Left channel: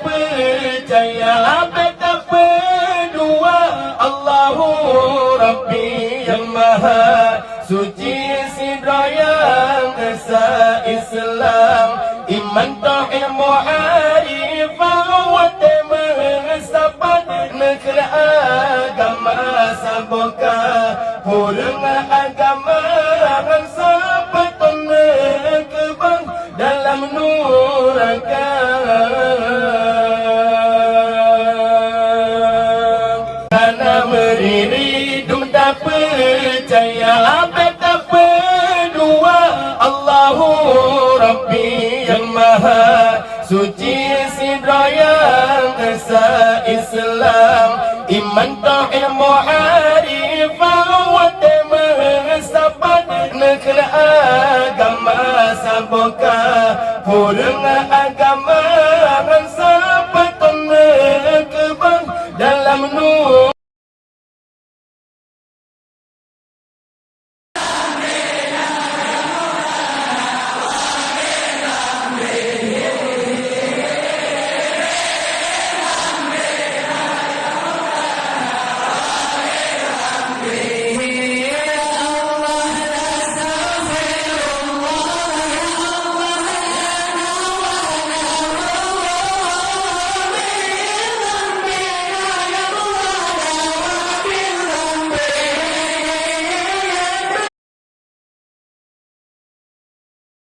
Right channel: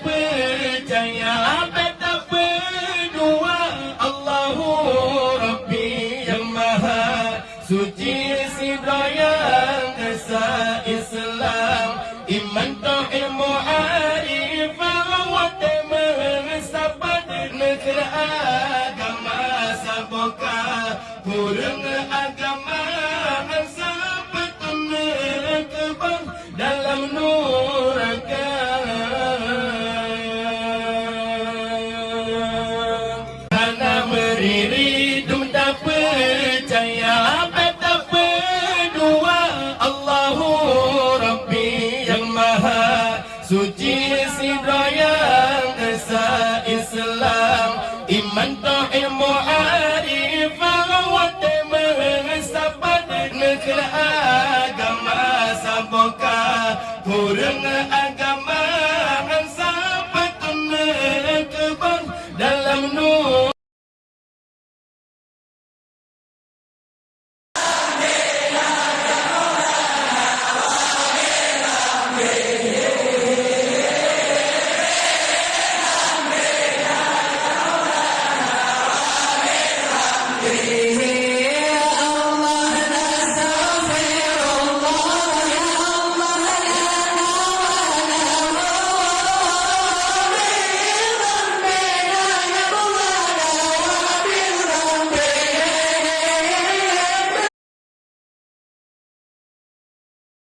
percaya betapa dua Allahu Rabbi yang Maha Suci Sidra yang Esa Islam Iman Tauhid Mu'arifah Wate mengesapat negara agama Sabuka Purung agama Sabat menekebang dalam nuraka percaya betapa dua Allahu Rabbi yang Maha Suci Sidra yang Esa Islam Iman Tauhid Mu'arifah Wate mengesapat negara agama Sabuka Purung agama